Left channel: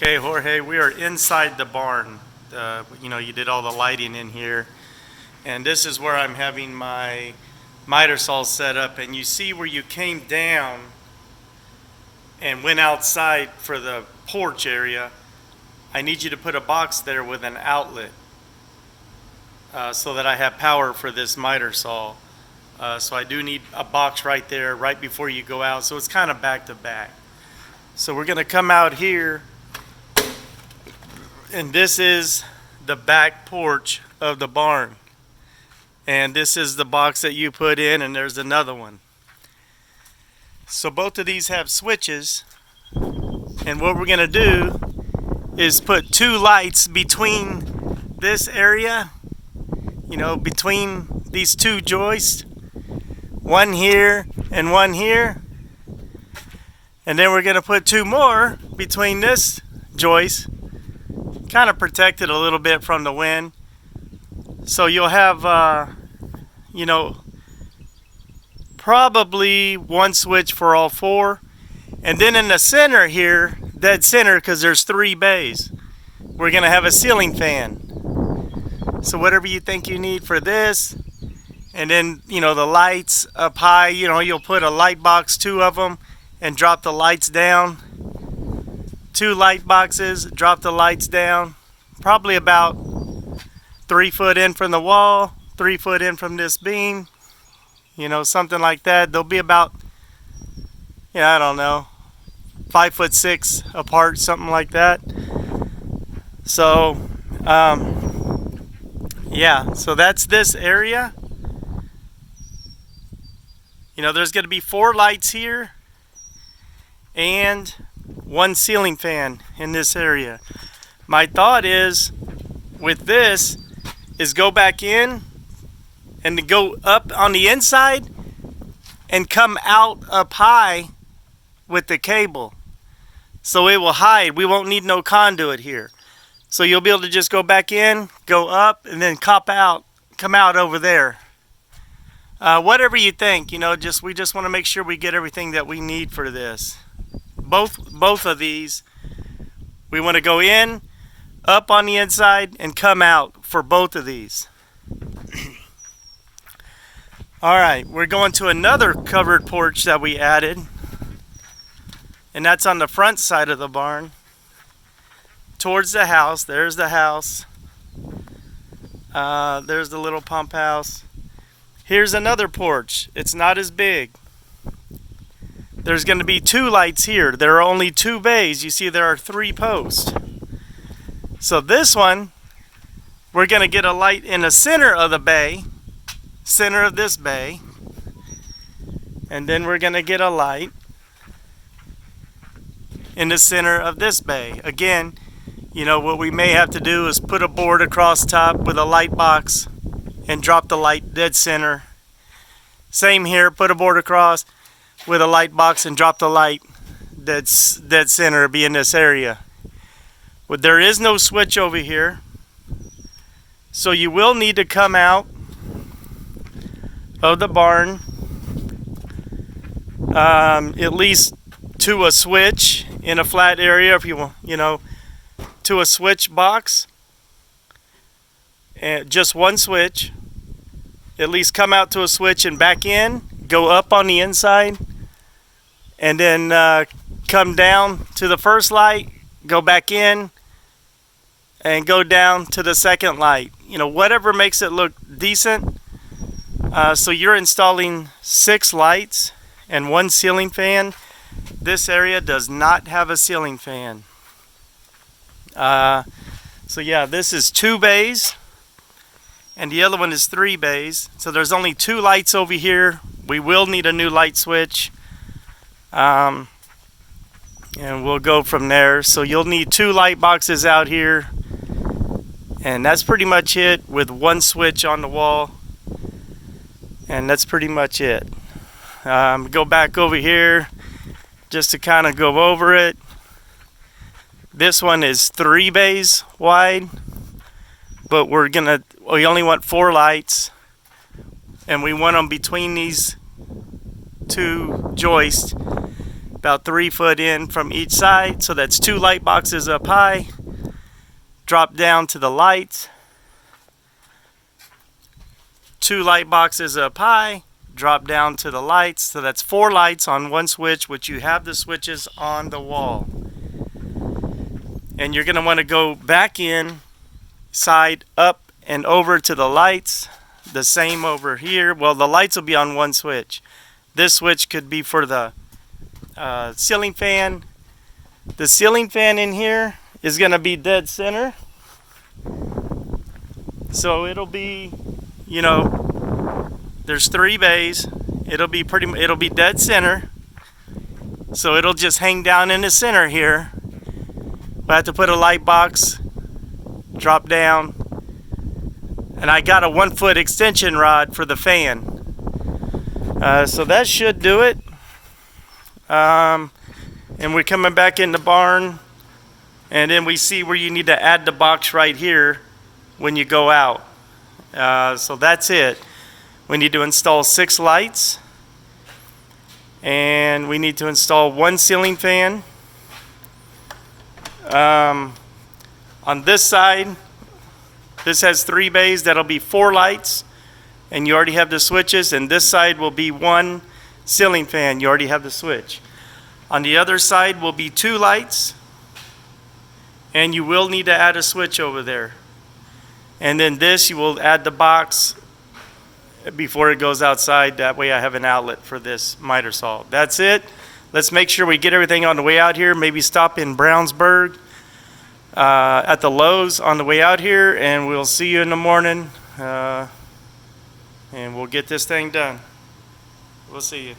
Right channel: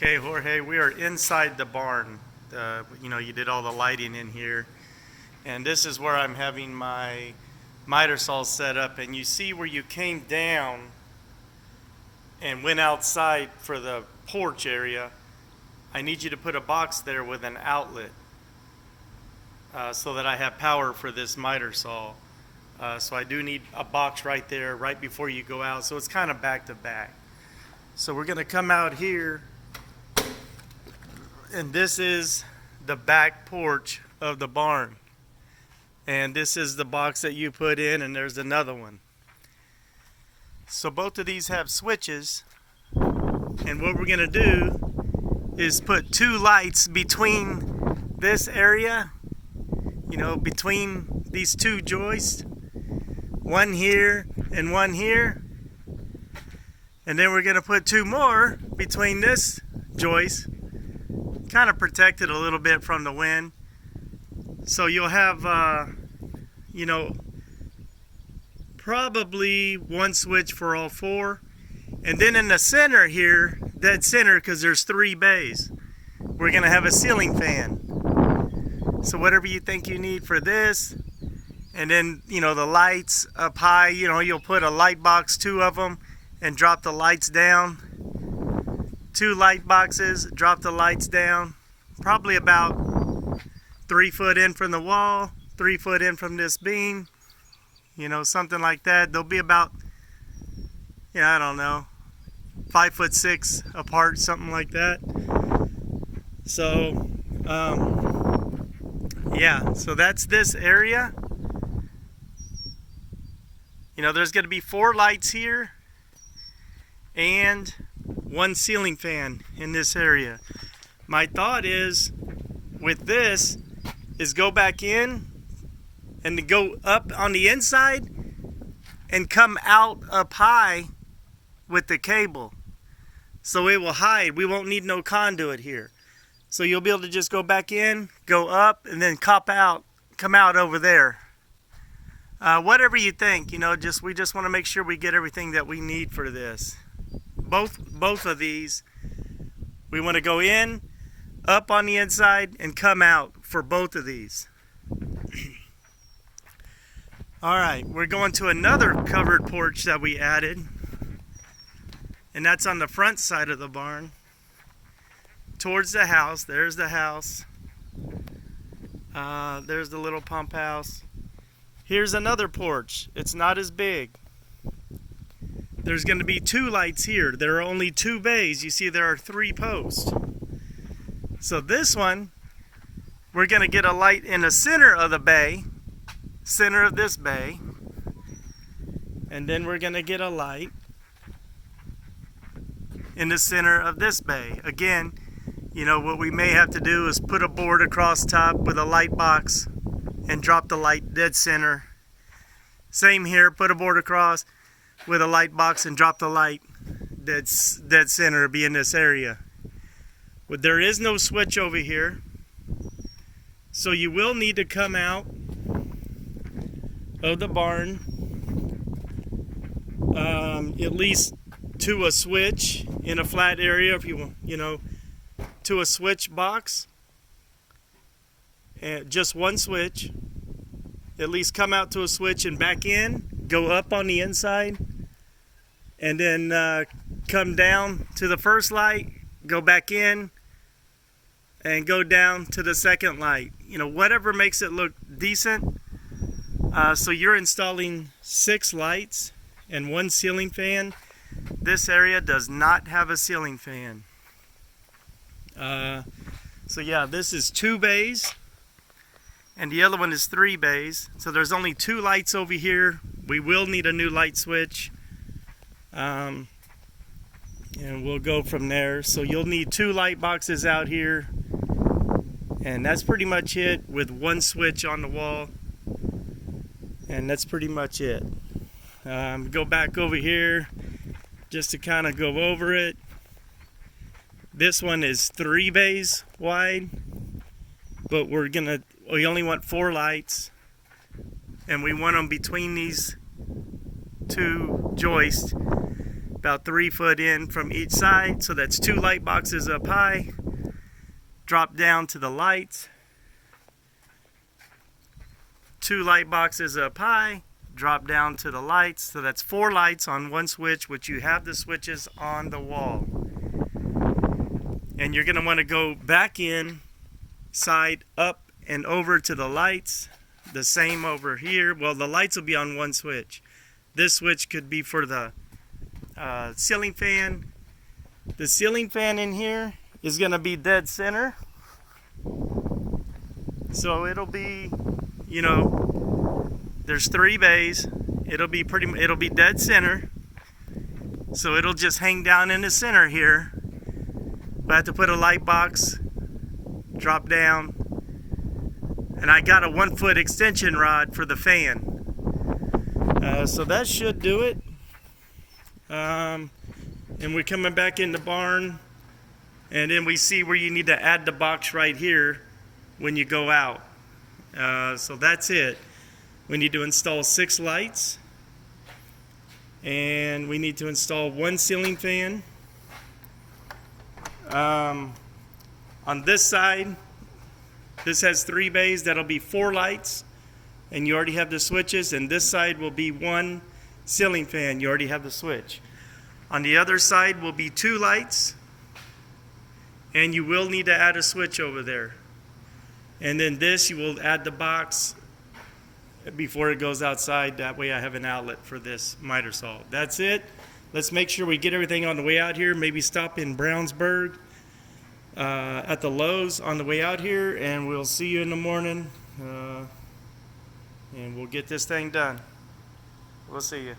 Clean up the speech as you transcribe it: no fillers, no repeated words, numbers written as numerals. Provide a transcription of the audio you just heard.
Okay, Jorge, we are inside the barn. You did all the lighting in here. And this is where I'm having my miter saw set up. And you see where you came down and went outside for the porch area. I need you to put a box there with an outlet so that I have power for this miter saw. So I do need a box right there right before you go out. So it's kind of back to back. So we're going to come out here. And this is the back porch of the barn. And this is the box that you put in, and there's another one. So both of these have switches. And what we're going to do is put two lights between this area, between these two joists. One here and one here. And then we're going to put two more between this joist. Kind of protect it a little bit from the wind. So you'll have, probably one switch for all four. And then in the center here, dead center, because there's three bays, we're going to have a ceiling fan. So whatever you think you need for this. And then, the lights up high, you'll put a light box, two of them, and drop the lights down. Two light boxes, drop the lights down, probably about 3 foot in from the wall, 3 foot in from this beam, something like that. They'll be about, 5'6" apart, something like that. So, so that's this area. There's going to be 4 lights here and one ceiling fan in this area. My thought is with this is go back in and to go up on the inside and come out up high with the cable. So it will hide. We won't need no conduit here. So you'll be able to just go back in, go up, and then come out over there. Whatever you think, we just want to make sure we get everything that we need for this. Both of these, we want to go in, up on the inside, and come out for both of these. Alright, we're going to another covered porch that we added. And that's on the front side of the barn. Towards the house. There's the house. There's the little pump house. Here's another porch. It's not as big. There's going to be 2 lights here. There are only 2 bays. You see there are 3 posts. So this one, we're going to get a light in the center of the bay. Center of this bay. And then we're going to get a light in the center of this bay. Again, what we may have to do is put a board across top with a light box and drop the light dead center. Same here, put a board across with a light box and drop the light dead center, be in this area. But there is no switch over here, so you will need to come out of the barn at least to a switch in a flat area, if you want, to a switch box, and just one switch. At least come out to a switch and back in, go up on the inside, and then come down to the first light, go back in, and go down to the second light. Whatever makes it look decent. So you're installing 6 lights and 1 ceiling fan. This area does not have a ceiling fan. This is 2 bays. And the other one is 3 bays. So there's only 2 lights over here. We will need a new light switch. And we'll go from there. So you'll need 2 light boxes out here. And that's pretty much it, with 1 switch on the wall. And that's pretty much it. Go back over here just to kind of go over it. This one is 3 bays wide. But we only want 4 lights, and we want them between these 2 joists. about 3 foot in from each side. So that's 2 light boxes up high. Drop down to the lights. 2 light boxes up high. Drop down to the lights. So that's 4 lights on one switch, which you have the switches on the wall. And you're going to want to go back in, side up and over to the lights. The same over here. Well, the lights will be on one switch. This switch could be for the ceiling fan. The ceiling fan in here is going to be dead center. So it'll be, you know, there's 3 bays. It'll be dead center. So it'll just hang down in the center here. I have to put a light box, drop down, and I got a 1 foot extension rod for the fan. So that should do it. And we're coming back in the barn, and then we see where you need to add the box right here when you go out. So that's it. We need to install 6 lights, and we need to install 1 ceiling fan. On this side, this has 3 bays. That'll be 4 lights, and you already have the switches. And this side will be 1 ceiling fan. You already have the switch. On the other side will be 2 lights, and you will need to add a switch over there. And then this, you will add the box before it goes outside. That way I have an outlet for this miter saw. That's it. Let's make sure we get everything on the way out here. Maybe stop in Brownsburg at the Lowe's on the way out here, and we'll see you in the morning, and we'll get this thing done. We'll see you.